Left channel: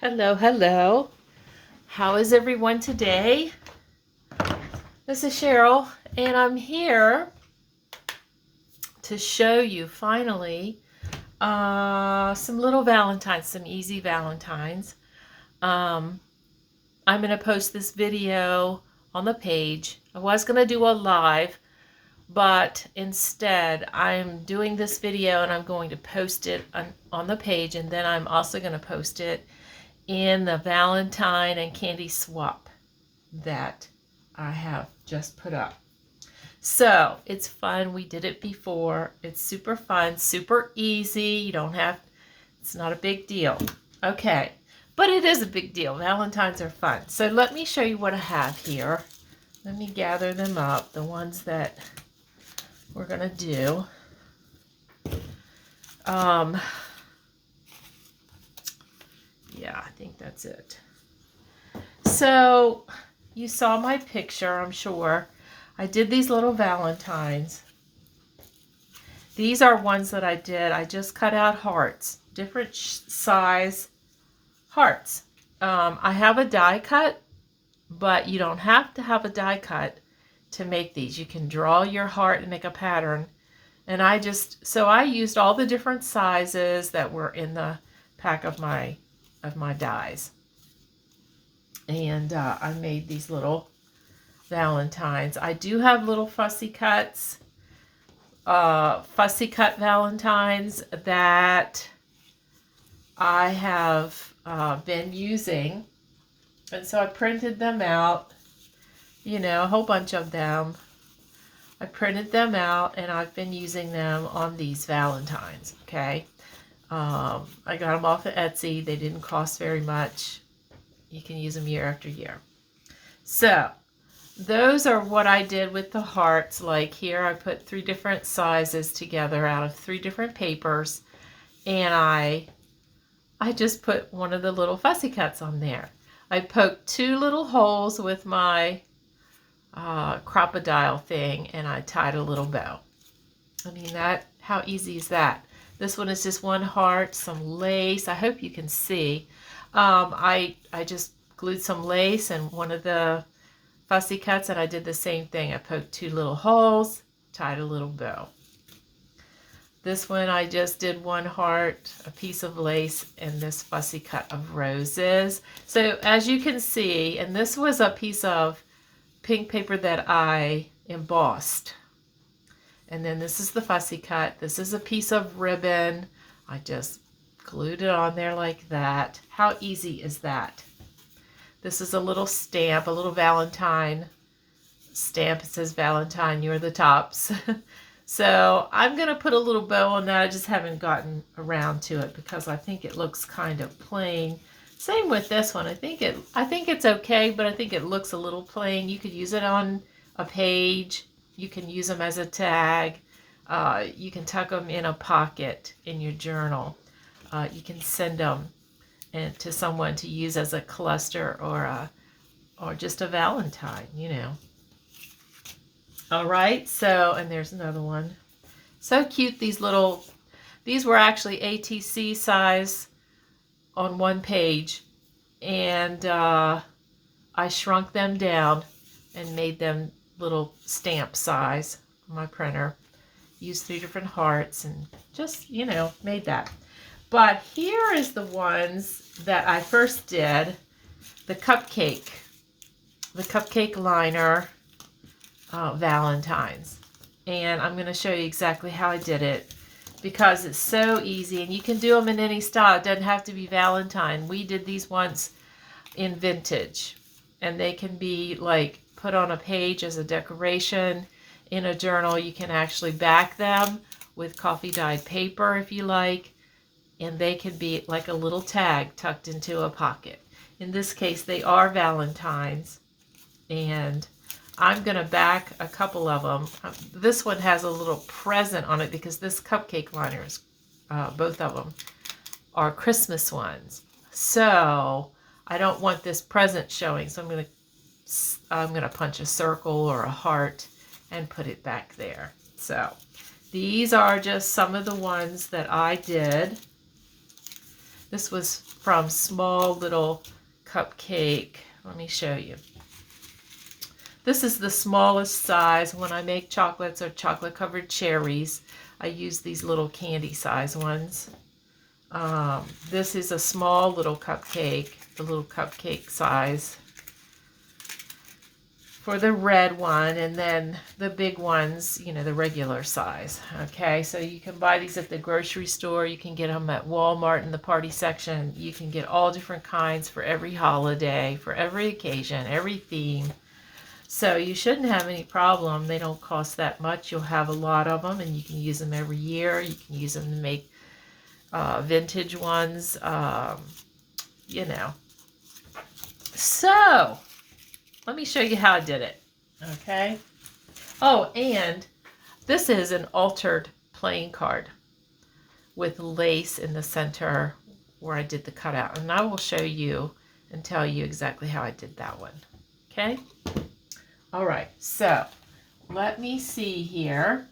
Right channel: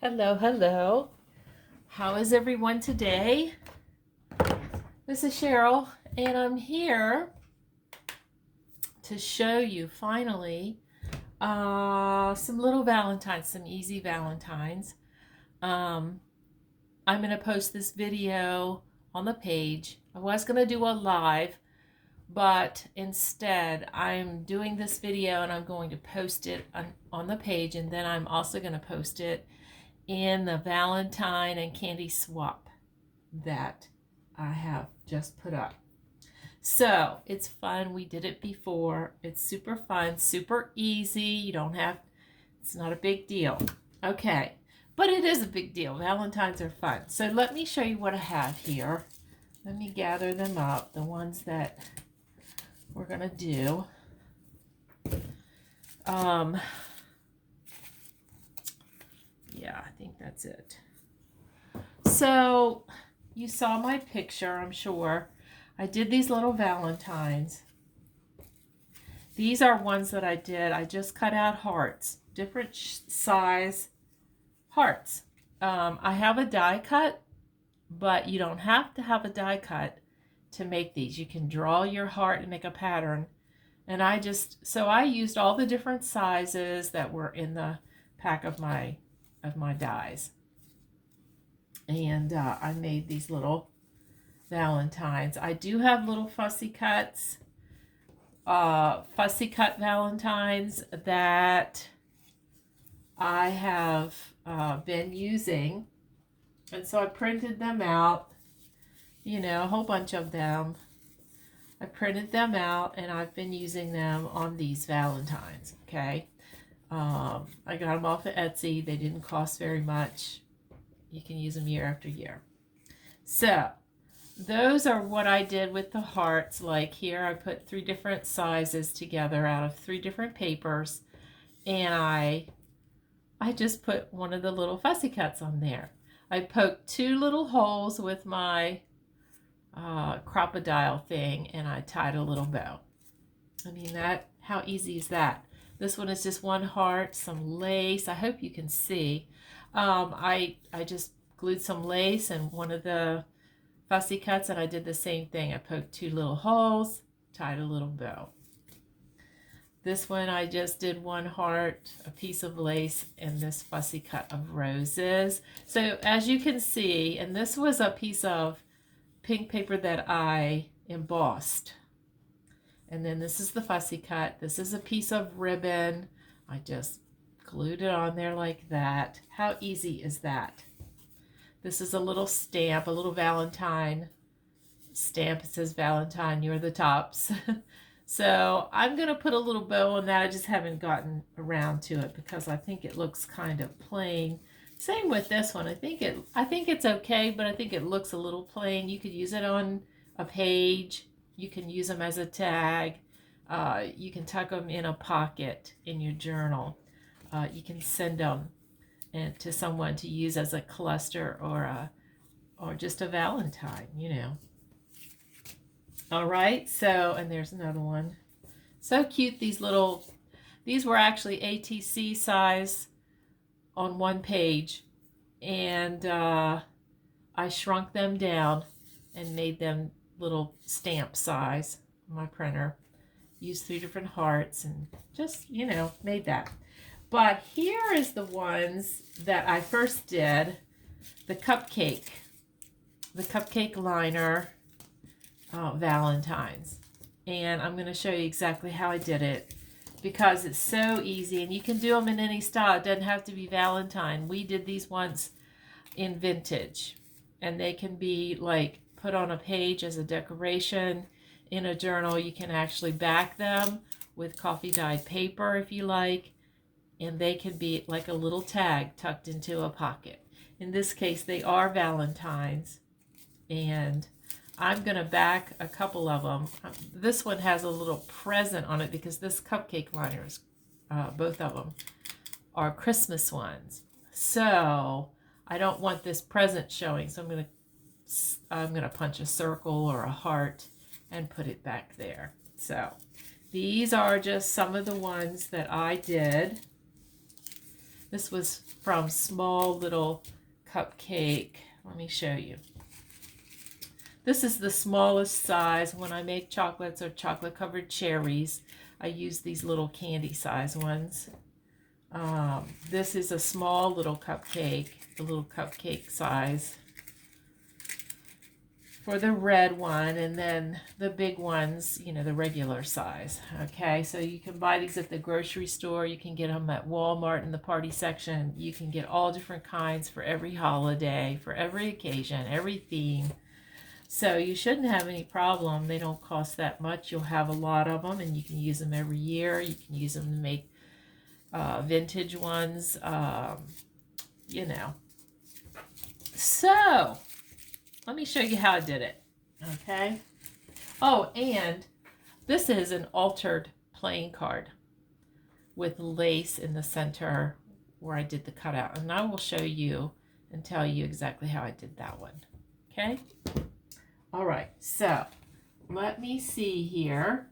Hello, hello. How is everyone today? This is Cheryl, and I'm here to show you finally some little Valentines, some easy Valentines. I'm going to post this video on the page. I was going to do a live, but instead I'm doing this video and I'm going to post it on the page, and then I'm also going to post it in the Valentine and candy swap that I have just put up. So it's fun. We did it before. It's super fun, super easy. You don't have, it's not a big deal. Okay, but it is a big deal. Valentines are fun. So let me show you what I have here. Let me gather them up, the ones that we're going to do. Yeah, I think that's it. So you saw my picture, I'm sure. I did these little Valentines. These are ones that I did. I just cut out hearts, different size hearts. I have a die cut, but you don't have to have a die cut to make these. You can draw your heart and make a pattern. And I used all the different sizes that were in the pack of my dies. And I made these little Valentines. I do have little fussy cuts, fussy cut Valentines that I have been using. And so I printed them out, you know, a whole bunch of them. I printed them out and I've been using them on these Valentines, okay? I got them off of Etsy. They didn't cost very much. You can use them year after year. So those are what I did with the hearts. Like here I put 3 different sizes together out of 3 different papers, and I just put one of the little fussy cuts on there. I poked 2 little holes with my crocodile thing, and I tied a little bow. I mean, how easy is that? This one is just one heart, some lace. I hope you can see. I just glued some lace and one of the fussy cuts, and I did the same thing. I poked 2 little holes, tied a little bow. This one I just did one heart, a piece of lace, and this fussy cut of roses. So as you can see, and this was a piece of pink paper that I embossed. And then this is the fussy cut. This is a piece of ribbon. I just glued it on there like that. How easy is that? This is a little stamp, a little Valentine stamp. It says Valentine, you're the tops. So I'm going to put a little bow on that. I just haven't gotten around to it because I think it looks kind of plain. Same with this one. I think it's okay, but I think it looks a little plain. You could use it on a page. You can use them as a tag. You can tuck them in a pocket in your journal. You can send them to someone to use as a cluster or just a Valentine, you know. All right, so, and there's another one. So cute, these were actually ATC size on one page. And I shrunk them down and made them little stamp size on my printer. Used 3 different hearts and just, you know, made that. But here is the ones that I first did, the cupcake liner Valentines. And I'm going to show you exactly how I did it because it's so easy, and you can do them in any style. It doesn't have to be Valentine. We did these once in vintage, and they can be like put on a page as a decoration in a journal. You can actually back them with coffee dyed paper if you like, and they can be like a little tag tucked into a pocket. In this case, they are Valentines, and I'm going to back a couple of them. This one has a little present on it because this cupcake liner is, both of them are Christmas ones. So I don't want this present showing, so I'm going to punch a circle or a heart and put it back there. So these are just some of the ones that I did. This was from Small Little Cupcake. Let me show you. This is the smallest size. When I make chocolates or chocolate covered cherries, I use these little candy size ones. This is a small little cupcake, the little cupcake size for the red one, and then the big ones, you know, the regular size. Okay, so you can buy these at the grocery store. You can get them at Walmart in the party section. You can get all different kinds for every holiday, for every occasion, every theme. So you shouldn't have any problem. They don't cost that much. You'll have a lot of them, and you can use them every year. You can use them to make vintage ones, you know. So let me show you how I did it. Okay. Oh, and this is an altered playing card with lace in the center where I did the cutout. And I will show you and tell you exactly how I did that one. Okay. All right, so let me see here.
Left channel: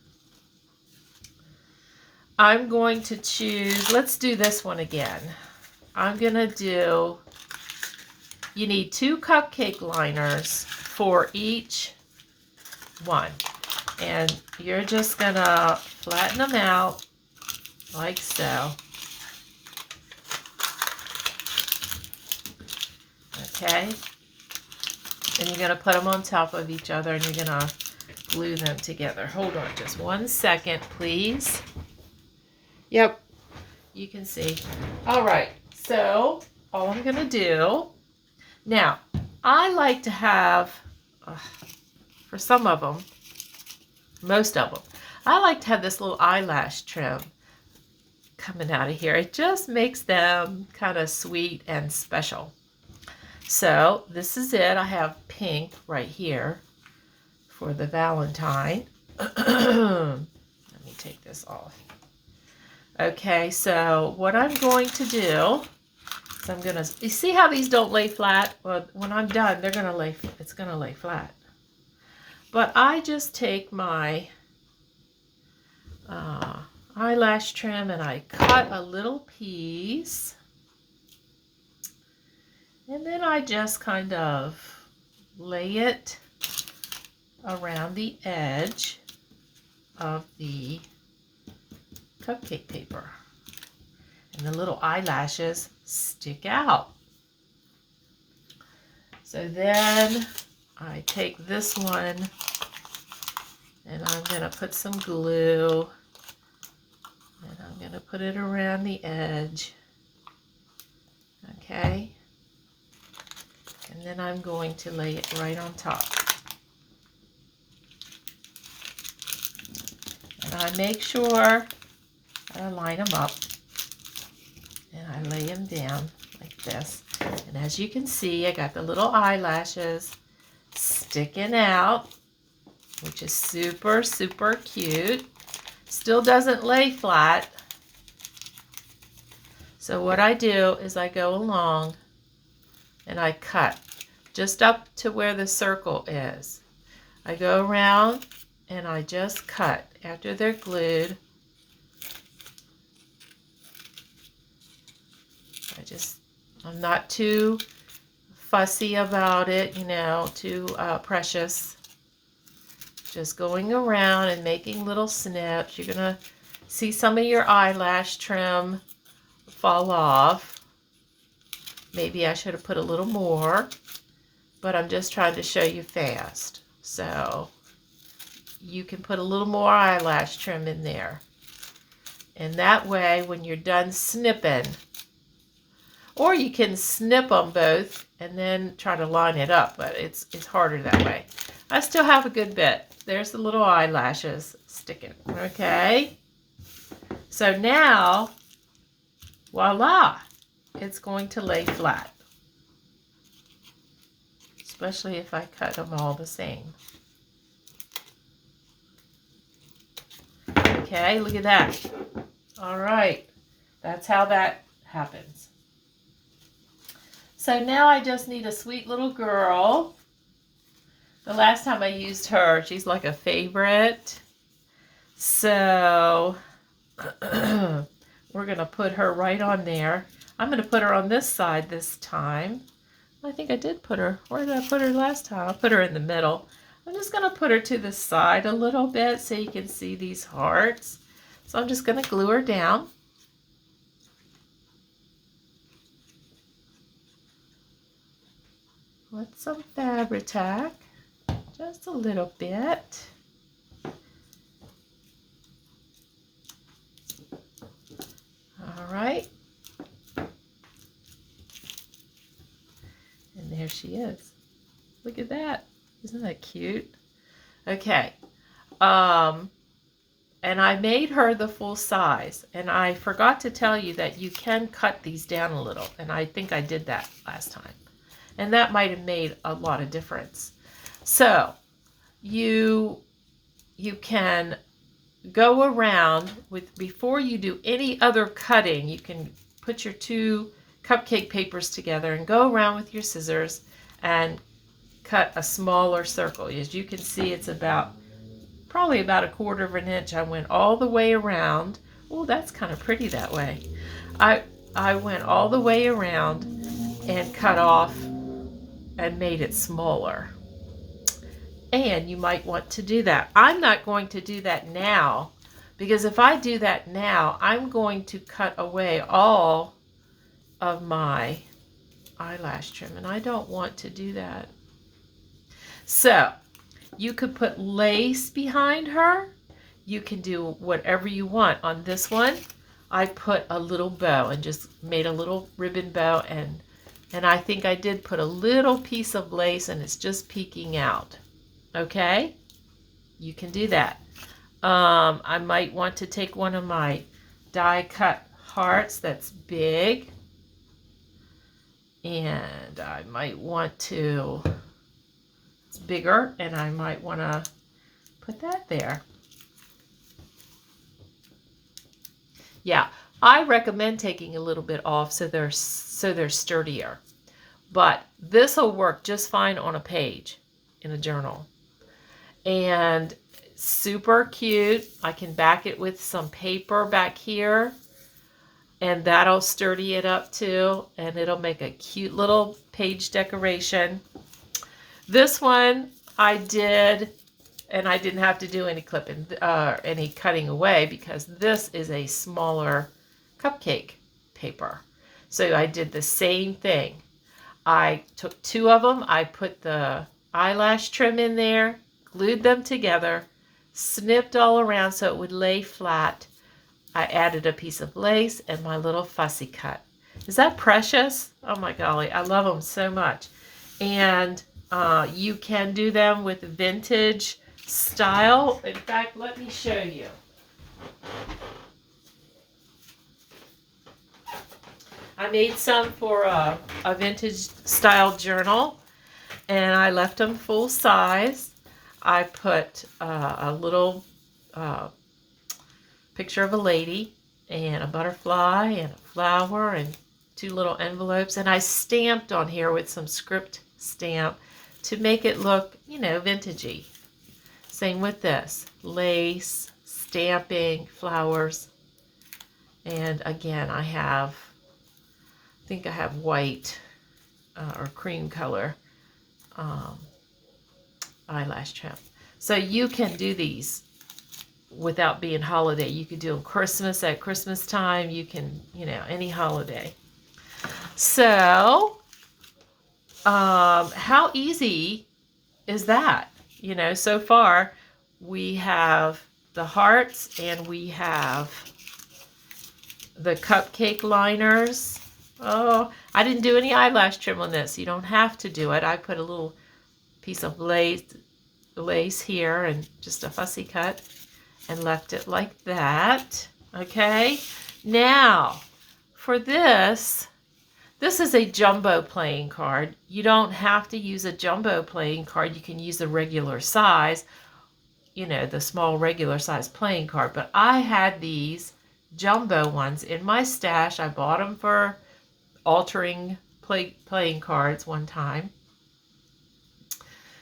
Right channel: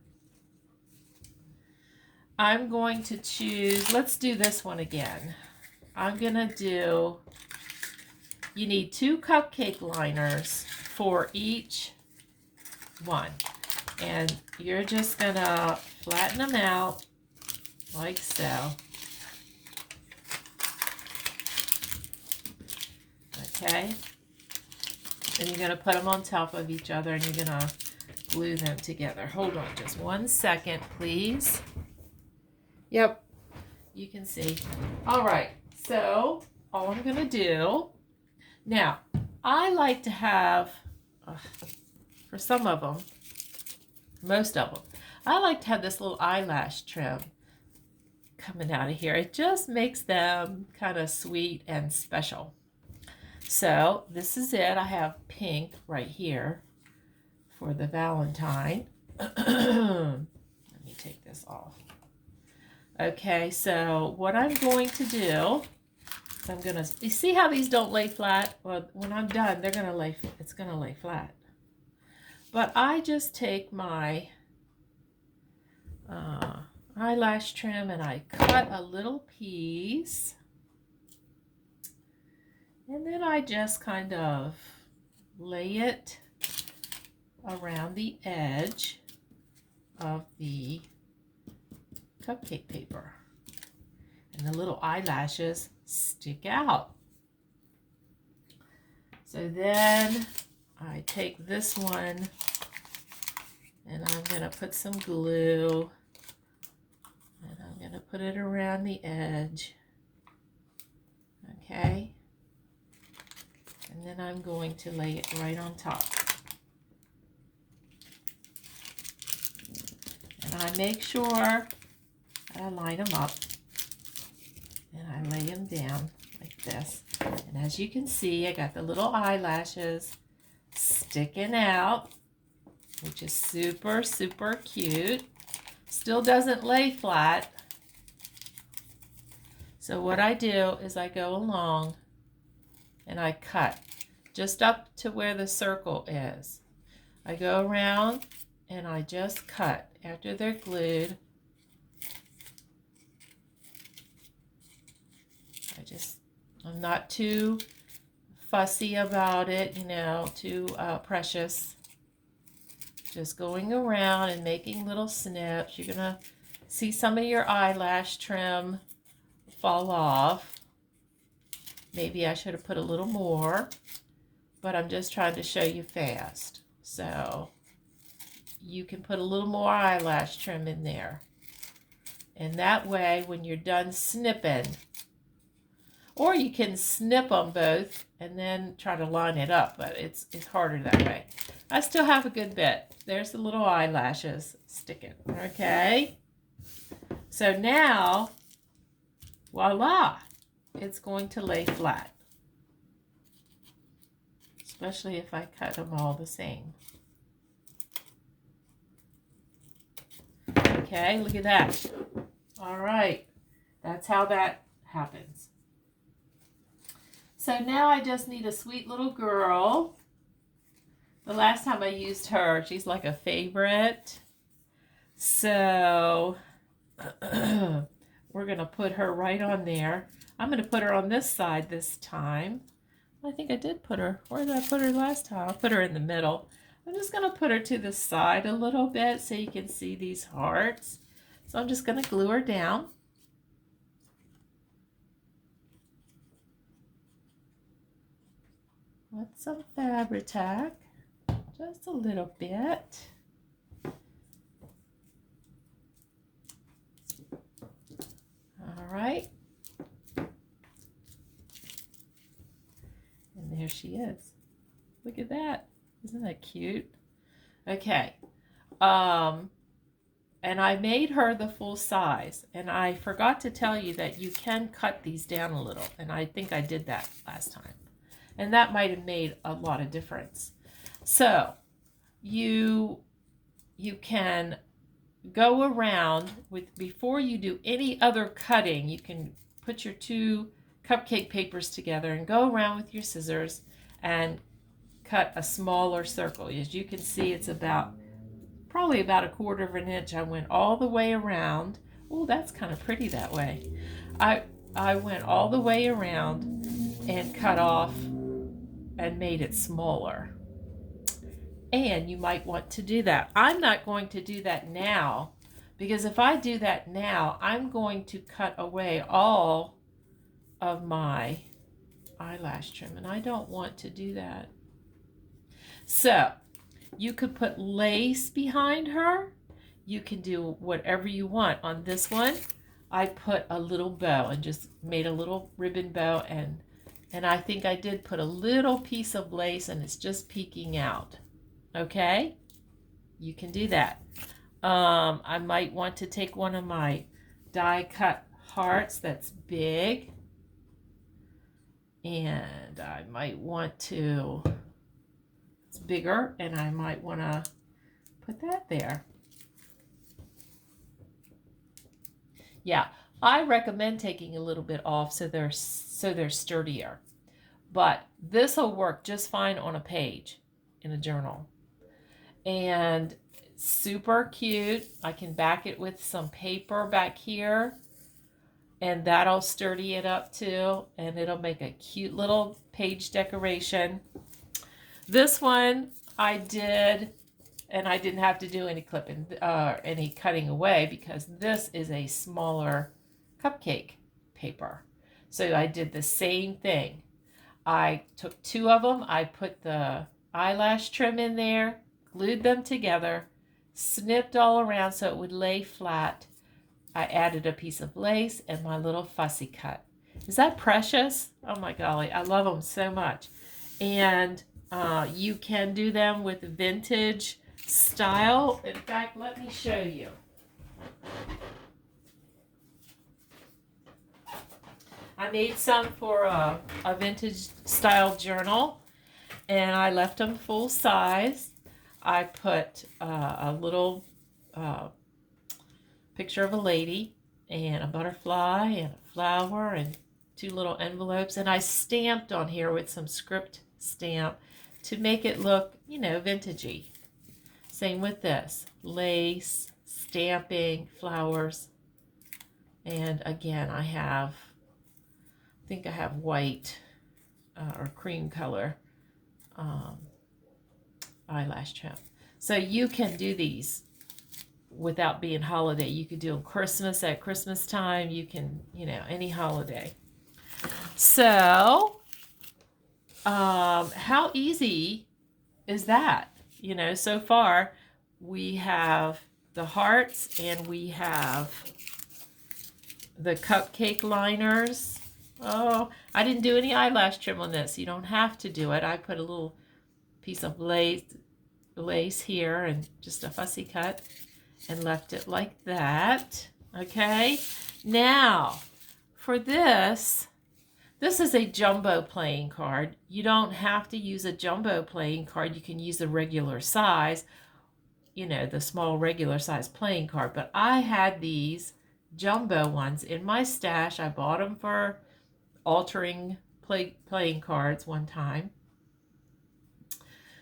I'm going to choose, let's do this one again. I'm going to do, you need 2 cupcake liners for each one. And you're just going to flatten them out like so. Okay. And you're going to put them on top of each other, and you're going to glue them together. Hold on just 1 second, please. Yep, you can see. All right, so all I'm going to do, now, I like to have, for some of them, most of them, I like to have this little eyelash trim coming out of here. It just makes them kind of sweet and special. So this is it. I have pink right here for the Valentine. Let me take this off. Okay, so what I'm going to do is I'm going to, you see how these don't lay flat? Well, when I'm done, they're going to lay, it's going to lay flat. But I just take my eyelash trim and I cut a little piece. And then I just kind of lay it around the edge of the cupcake paper. And the little eyelashes stick out. So then I take this one and I'm going to put some glue and I'm going to put it around the edge. Okay. And then I'm going to lay it right on top. And I make sure that I line them up. And I lay them down like this. And as you can see, I got the little eyelashes sticking out, which is super, super cute. Still doesn't lay flat. So what I do is I go along and I cut just up to where the circle is. I go around and I just cut after they're glued. I'm not too fussy about it, you know, too precious. Just going around and making little snips. You're gonna see some of your eyelash trim fall off. Maybe I should have put a little more, but I'm just trying to show you fast. So you can put a little more eyelash trim in there. And that way, when you're done snipping, or you can snip them both and then try to line it up, but it's harder that way. I still have a good bit. There's the little eyelashes sticking, okay? So now, voila, it's going to lay flat. Especially if I cut them all the same. Okay, look at that. All right, that's how that happens. So now I just need a sweet little girl. The last time I used her, she's like a favorite. So we're going to put her right on there. I'm going to put her on this side this time. I think I did put her. Where did I put her last time? I put her in the middle. I'm just going to put her to the side a little bit so you can see these hearts. So I'm just going to glue her down. With some Fabri-Tac, just a little bit. All right. And there she is. Look at that. Isn't that cute? Okay. And I made her the full size. And I forgot to tell you that you can cut these down a little. And I think I did that last time. And that might have made a lot of difference. So you can go around with, before you do any other cutting, you can put your two cupcake papers together and go around with your scissors and cut a smaller circle. As you can see, it's probably about 1/4 of an inch. I went all the way around. Oh, that's kind of pretty that way. I went all the way around and cut off and made it smaller. And you might want to do that. I'm not going to do that now, because if I do that now, I'm going to cut away all of my eyelash trim, and I don't want to do that. So you could put lace behind her. You can do whatever you want. On this one, I put a little bow and just made a little ribbon bow, and I think I did put a little piece of lace, and it's just peeking out. Okay, you can do that. I might want to take one of my die cut hearts that's big, and I might want to, it's bigger, and I might want to put that there. Yeah, I recommend taking a little bit off so they're sturdier, but this will work just fine on a page in a journal. And super cute. I can back it with some paper back here, and that'll sturdy it up too, and it'll make a cute little page decoration. This one I did, and I didn't have to do any clipping, any cutting away, because this is a smaller cupcake paper. So I did the same thing. I took 2 of them. I put the eyelash trim in there, glued them together, snipped all around so it would lay flat. I added a piece of lace and my little fussy cut. Is that precious? Oh my golly, I love them so much. And you can do them with vintage style. In fact, let me show you. I made some for a vintage style journal, and I left them full size. I put a little picture of a lady and a butterfly and a flower and 2 little envelopes, and I stamped on here with some script stamp to make it look, you know, vintagey. Same with this, lace, stamping, flowers, and again I think I have white or cream color eyelash trim. So you can do these without being holiday. You could do them Christmas, at Christmas time. You can, you know, any holiday. So how easy is that? You know, so far we have the hearts and we have the cupcake liners. Oh, I didn't do any eyelash trim on this. You don't have to do it. I put a little piece of lace here and just a fussy cut and left it like that. Okay, now for this is a jumbo playing card. You don't have to use a jumbo playing card. You can use the regular size, you know, the small regular size playing card. But I had these jumbo ones in my stash. I bought them for altering playing cards one time.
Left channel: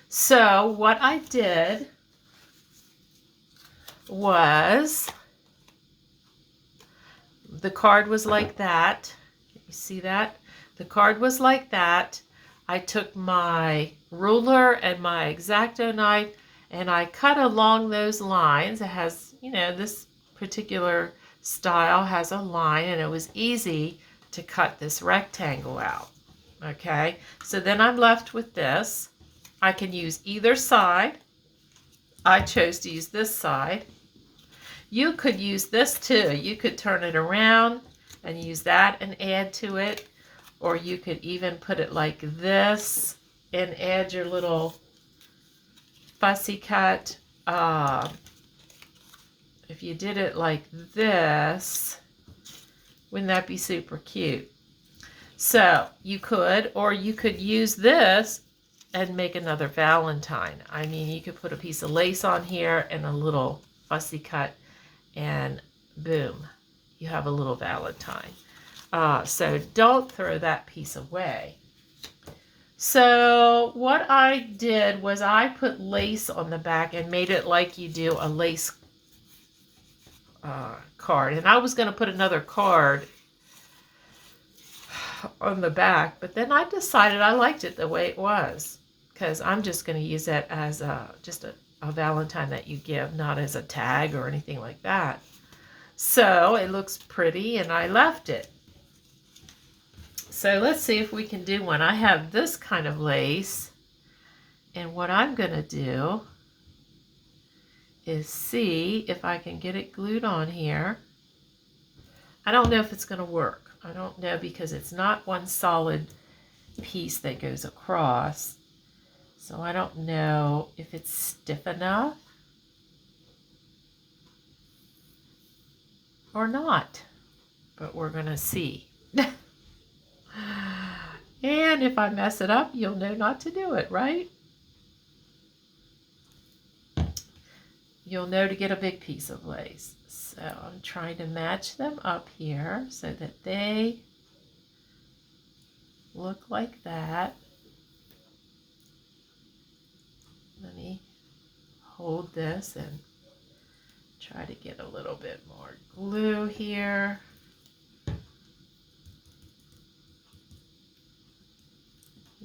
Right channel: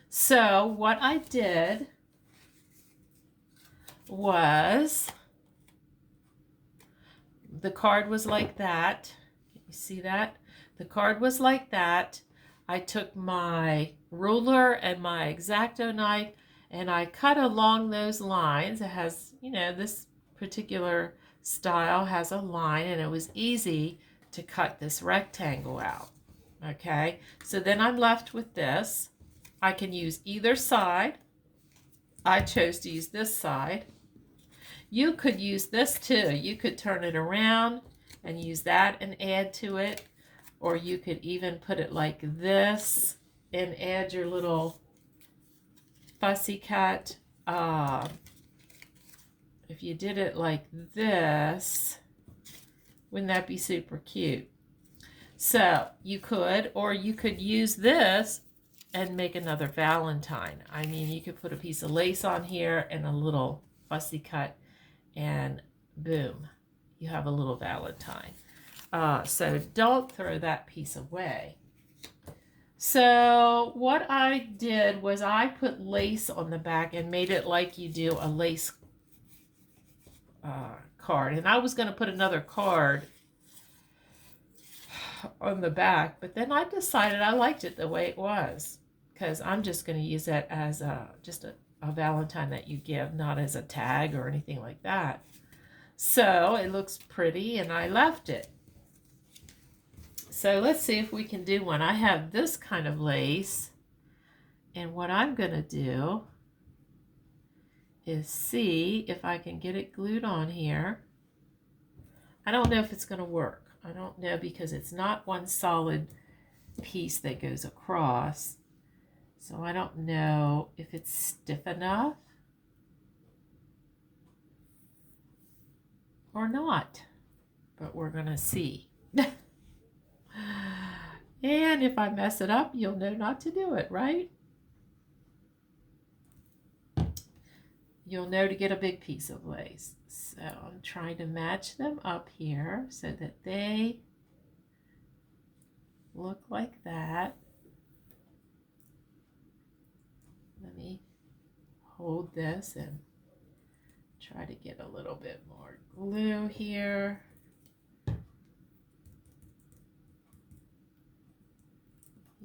So what I did was, the card was like that. Let me see that? The card was like that. I took my ruler and my X-Acto knife and I cut along those lines. It has, you know, this particular style has a line, and it was easy to cut this rectangle out. Okay, so then I'm left with this. I can use either side. I chose to use this side. You could use this too. You could turn it around and use that and add to it. Or you could even put it like this and add your little fussy cut. If you did it like this, wouldn't that be super cute? So you could, or you could use this and make another Valentine. I mean, you could put a piece of lace on here and a little fussy cut, and boom, you have a little Valentine. So don't throw that piece away. So what I did was I put lace on the back and made it like you do a lace card. And I was going to put another card on the back, but then I decided I liked it the way it was, because I'm just going to use it as just a Valentine that you give, not as a tag or anything like that. So it looks pretty, and I left it. So let's see if we can do one. I have this kind of lace, and what I'm going to do is see if I can get it glued on here. I don't know if it's going to work. I don't know, because it's not one solid piece that goes across. So I don't know if it's stiff enough or not, but we're going to see. And if I mess it up, you'll know not to do it, right? You'll know to get a big piece of lace. So I'm trying to match them up here so that they look like that. Let me hold this and try to get a little bit more glue here.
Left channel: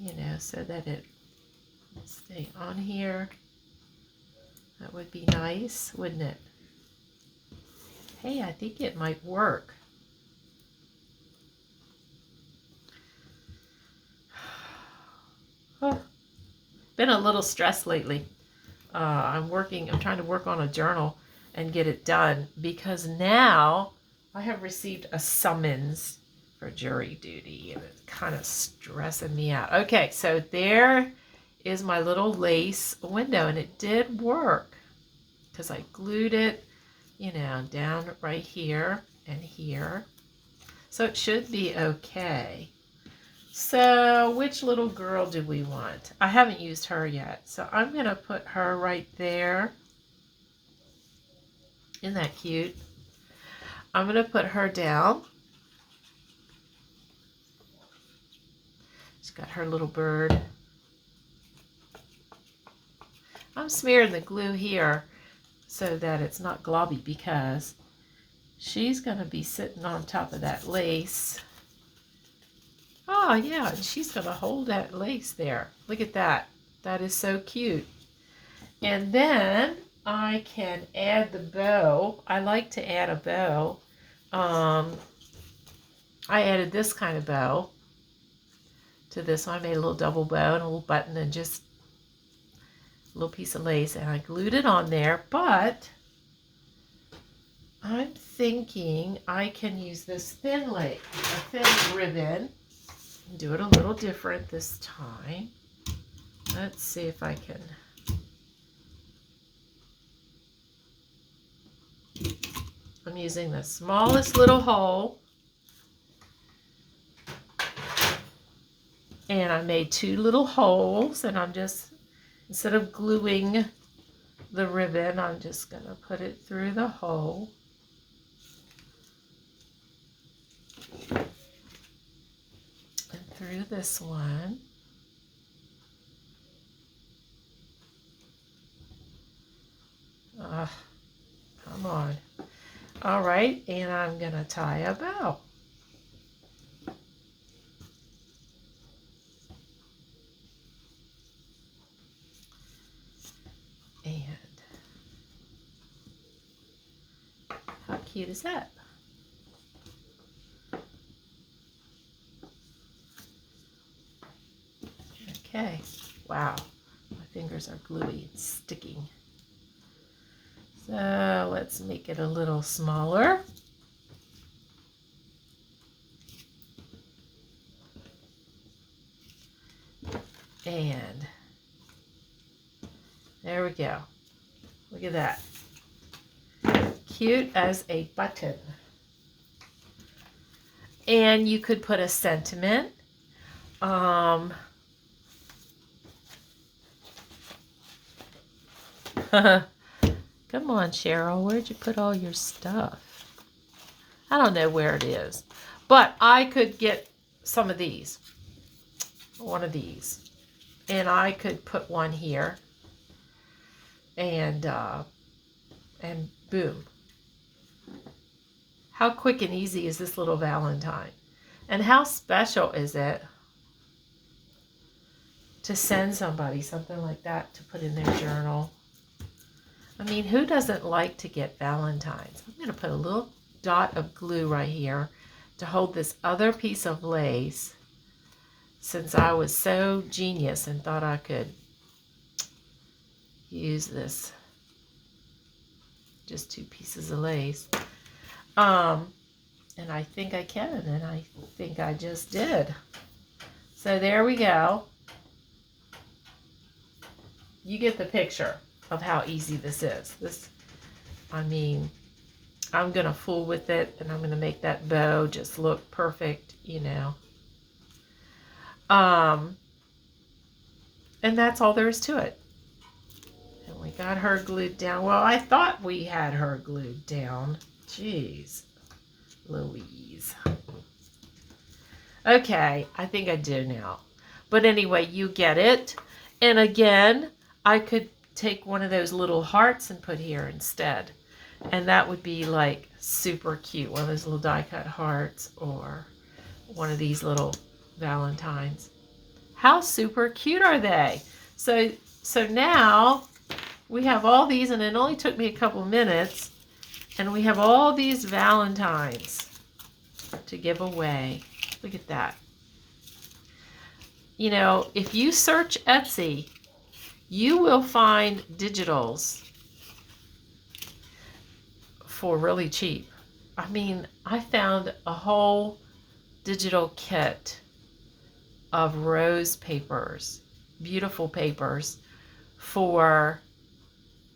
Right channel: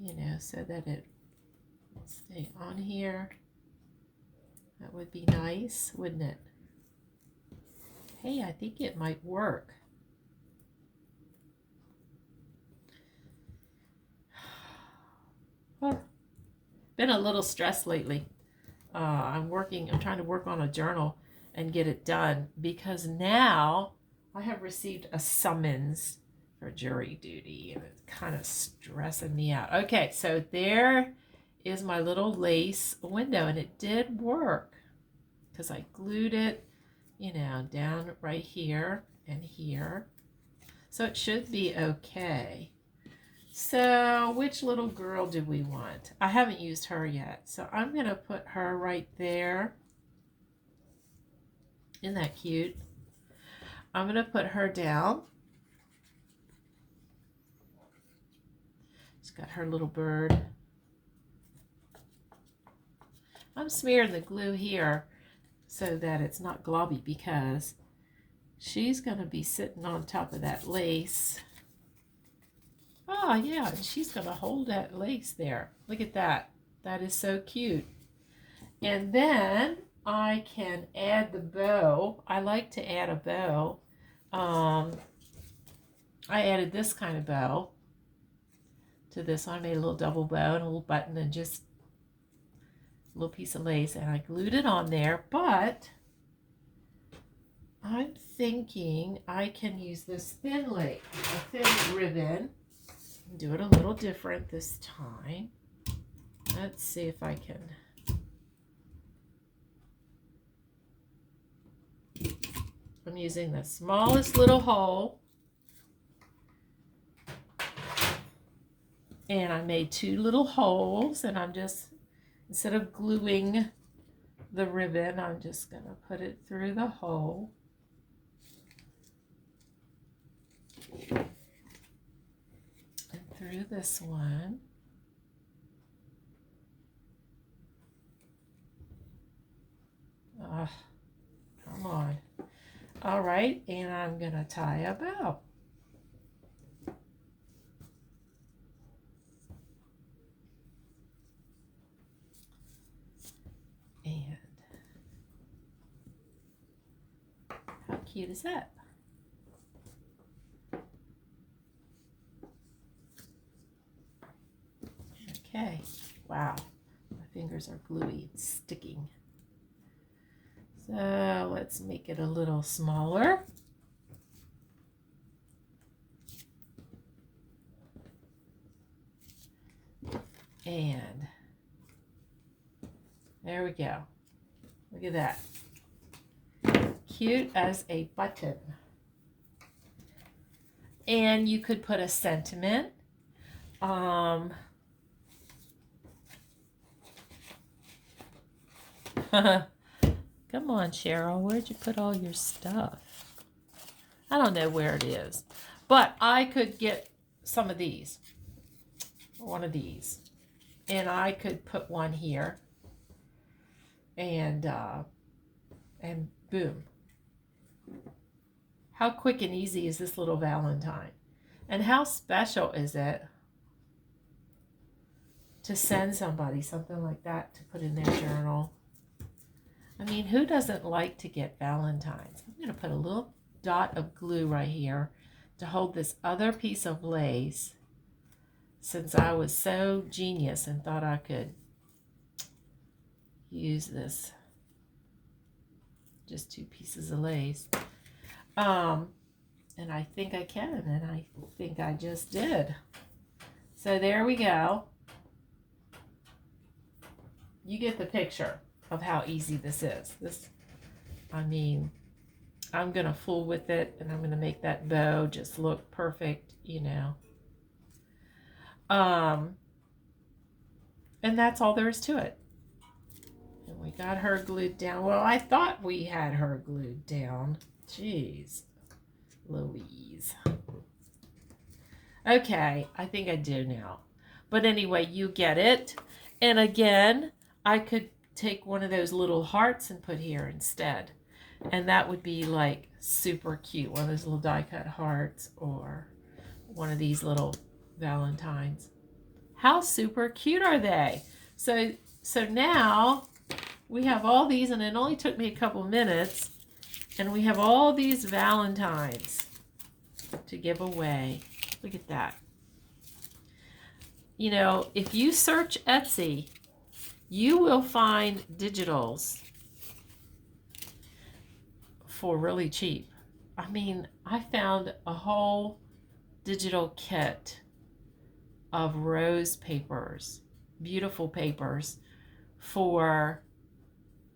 You know, so that it will stay on here. That would be nice, wouldn't it? Hey, I think it might work. Oh, been a little stressed lately. I'm trying to work on a journal and get it done, because now I have received a summons for jury duty, and it's kind of stressing me out. Okay, so there is my little lace window, and it did work because I glued it, you know, down right here and here. So it should be okay. So which little girl do we want? I haven't used her yet, so I'm going to put her right there. Isn't that cute? I'm going to put her down. She's got her little bird. I'm smearing the glue here so that it's not globby, because she's going to be sitting on top of that lace. Oh, yeah, and she's going to hold that lace there. Look at that. That is so cute. And then I can add the bow. I like to add a bow. I added this kind of bow to this one. I made a little double bow and a little button and just a little piece of lace, and I glued it on there, but I'm thinking I can use this thin lace, a thin ribbon, and do it a little different this time. Let's see if I can. I'm using the smallest little hole, and I made 2 little holes, and I'm just, instead of gluing the ribbon, I'm just going to put it through the hole. And through this one. Come on. All right, and I'm going to tie a bow. cute is that? Okay, wow, my fingers are gluey, it's sticking. So let's make it a little smaller. And there we go. Look at that. Cute as a button. And you could put a sentiment. Come on, Cheryl, where'd you put all your stuff? I don't know where it is, but I could get some of these, one of these, and I could put one here, and boom. How quick and easy is this little Valentine? And how special is it to send somebody something like that to put in their journal? I mean, who doesn't like to get Valentines? I'm going to put a little dot of glue right here to hold this other piece of lace, since I was so genius and thought I could use this. Just 2 pieces of lace. And I think I can, and I think I just did. So there we go. You get the picture of how easy this is. I mean, I'm going to fool with it, and I'm going to make that bow just look perfect, you know. And that's all there is to it. And we got her glued down. Well, I thought we had her glued down. Jeez, Louise. Okay, I think I do now. But anyway, you get it. And again, I could take one of those little hearts and put here instead. And that would be like super cute. One of those little die cut hearts, or one of these little Valentines. How super cute are they? So now we have all these, and it only took me a couple minutes, and we have all these Valentines to give away. Look at that. You know, if you search Etsy, you will find digitals for really cheap. I mean, I found a whole digital kit of rose papers, beautiful papers, for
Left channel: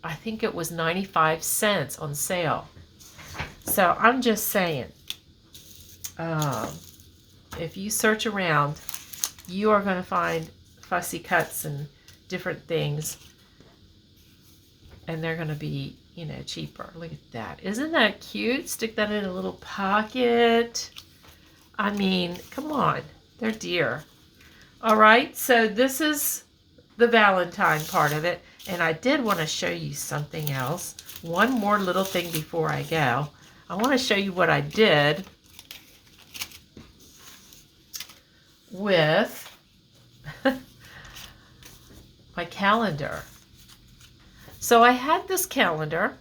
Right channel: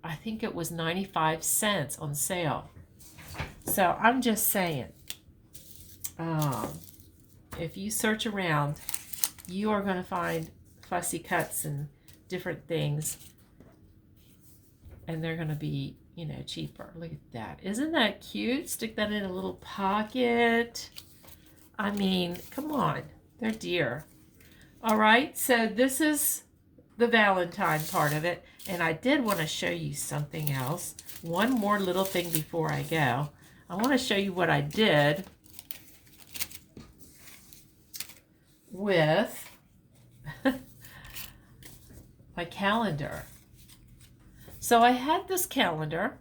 I think it was 95 cents on sale. So I'm just saying, if you search around, you are going to find fussy cuts and different things, and they're going to be, you know, cheaper. Look at that. Isn't that cute? Stick that in a little pocket. I mean, come on. They're dear. All right, so this is the Valentine part of it. And I did want to show you something else. One more little thing before I go. I want to show you what I did with my calendar. So I had this calendar,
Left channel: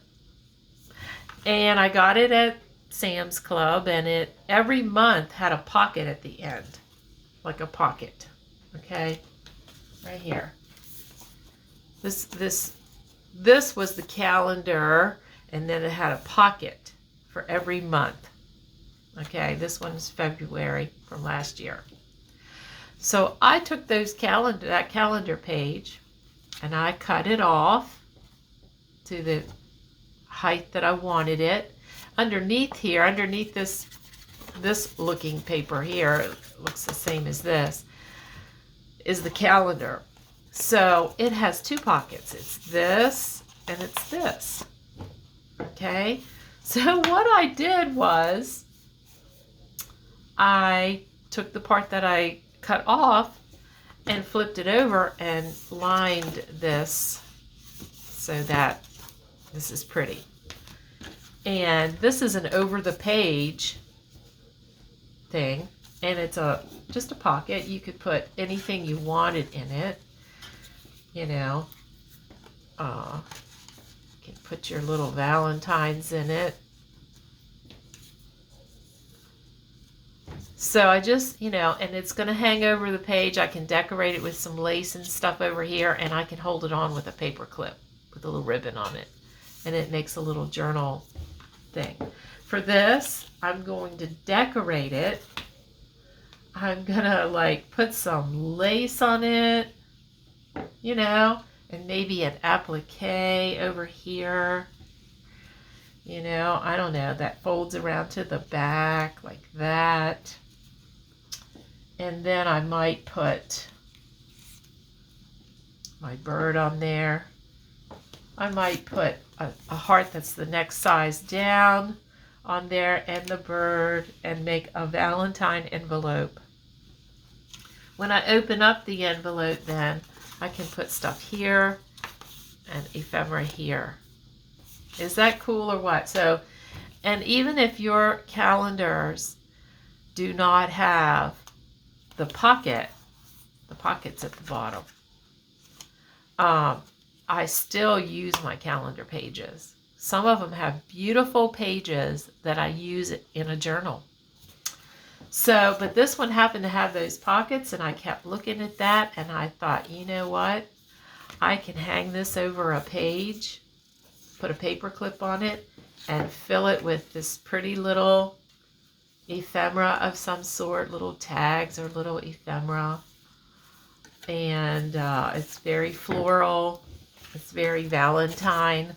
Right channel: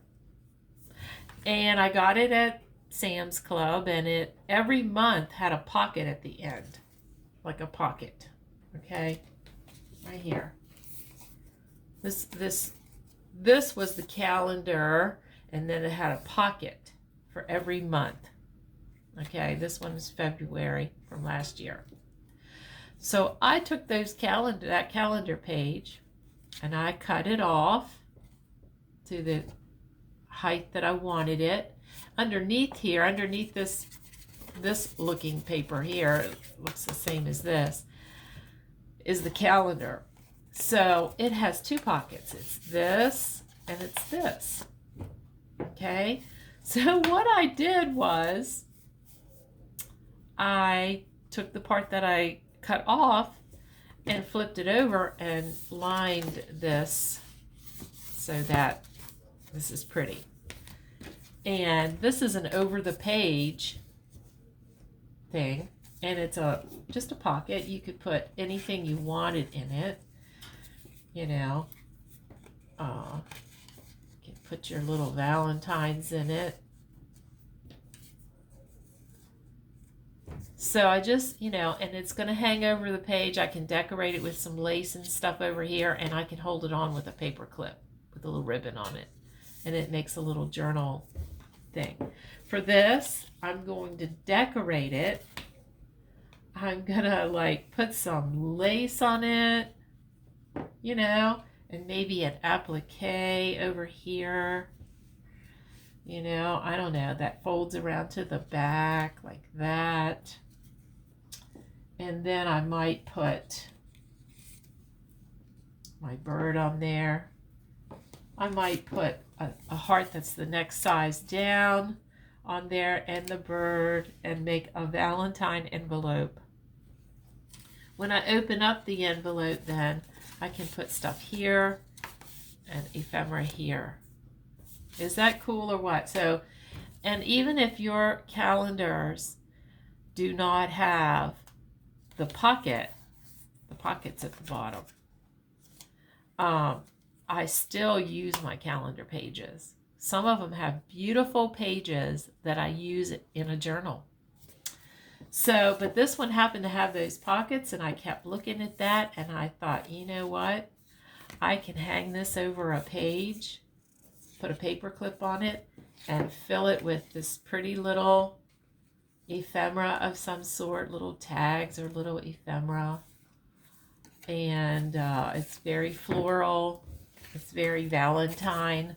and I got it at Sam's Club, and it every month had a pocket at the end, like a pocket. Okay, right here. This was the calendar, and then it had a pocket for every month. Okay, this one's February from last year. So I took that calendar page, and I cut it off to the height that I wanted it. Underneath here, underneath this looking paper here, it looks the same as this, is the calendar. So it has 2 pockets. It's this and it's this. Okay, so what I did was I took the part that I cut off and flipped it over and lined this so that this is pretty. And this is an over the page thing, and it's just a pocket. You could put anything you wanted in it. You know, you can put your little Valentines in it. So I just, and it's going to hang over the page. I can decorate it with some lace and stuff over here, and I can hold it on with a paper clip with a little ribbon on it. And it makes a little journal thing. For this, I'm going to decorate it. I'm going to like put some lace on it, and maybe an applique over here. I don't know, that folds around to the back like that. And then I might put my bird on there. I might put a heart that's the next size down on there and the bird, and make a Valentine envelope. When I open up the envelope, then I can put stuff here and ephemera here. Is that cool or what? So, and even if your calendars do not have the pockets at the bottom, I still use my calendar pages. Some of them have beautiful pages that I use in a journal. So, but this one happened to have those pockets, and I kept looking at that, and I thought, you know what? I can hang this over a page, put a paper clip on it, and fill it with this pretty little ephemera of some sort, little tags or little ephemera. And it's very floral. It's very Valentine.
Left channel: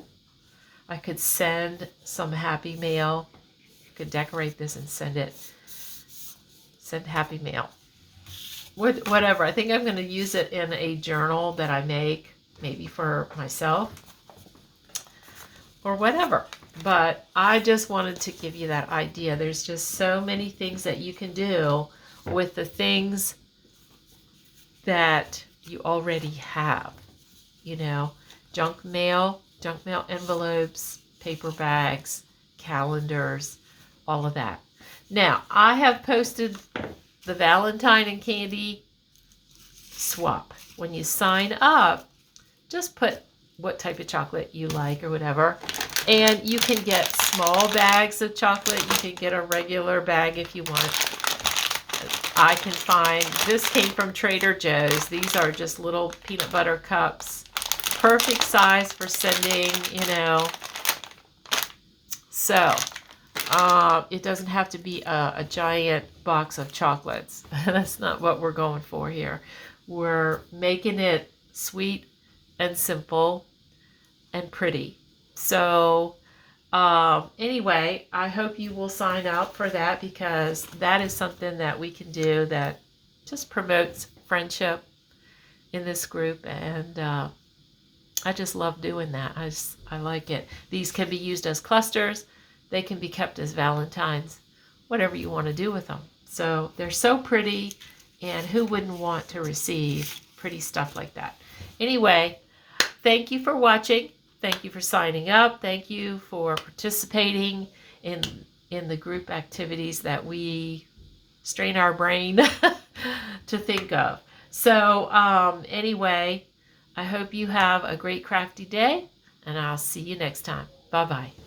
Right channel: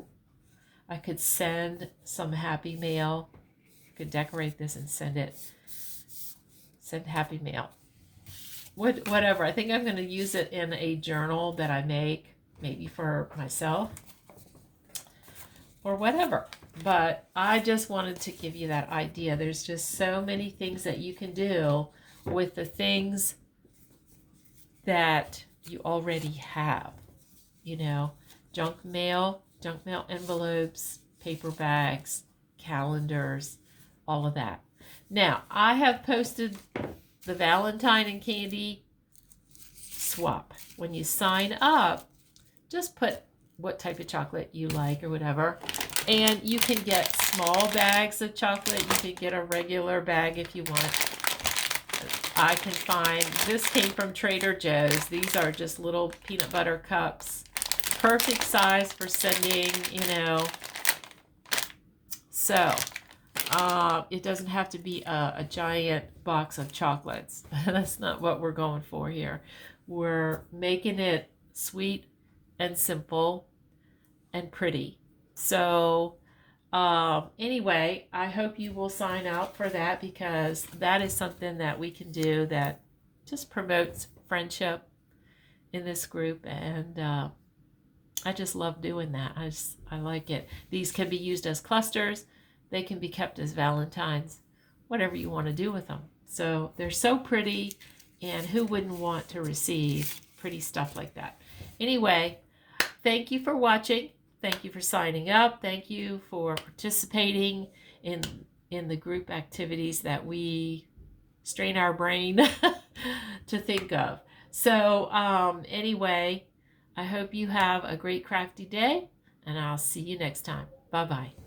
I could send some happy mail. I could decorate this and send happy mail. Whatever. I think I'm going to use it in a journal that I make, maybe for myself or whatever. But I just wanted to give you that idea. There's just so many things that you can do with the things that you already have. Junk mail envelopes, paper bags, calendars, all of that. Now, I have posted the Valentine and candy swap. When you sign up, just put what type of chocolate you like or whatever. And you can get small bags of chocolate. You can get a regular bag if you want. I can find, this came from Trader Joe's. These are just little peanut butter cups. Perfect size for sending, So, it doesn't have to be a giant box of chocolates. That's not what we're going for here. We're making it sweet and simple and pretty. So, anyway, I hope you will sign up for that, because that is something that we can do that just promotes friendship in this group, and I just love doing that. I like it. These can be used as clusters. They can be kept as Valentines, whatever you want to do with them. So they're so pretty, and who wouldn't want to receive pretty stuff like that? Anyway, thank you for watching. Thank you for signing up. Thank you for participating in the group activities that we strain our brain to think of. So anyway, I hope you have a great crafty day, and I'll see you next time. Bye-bye.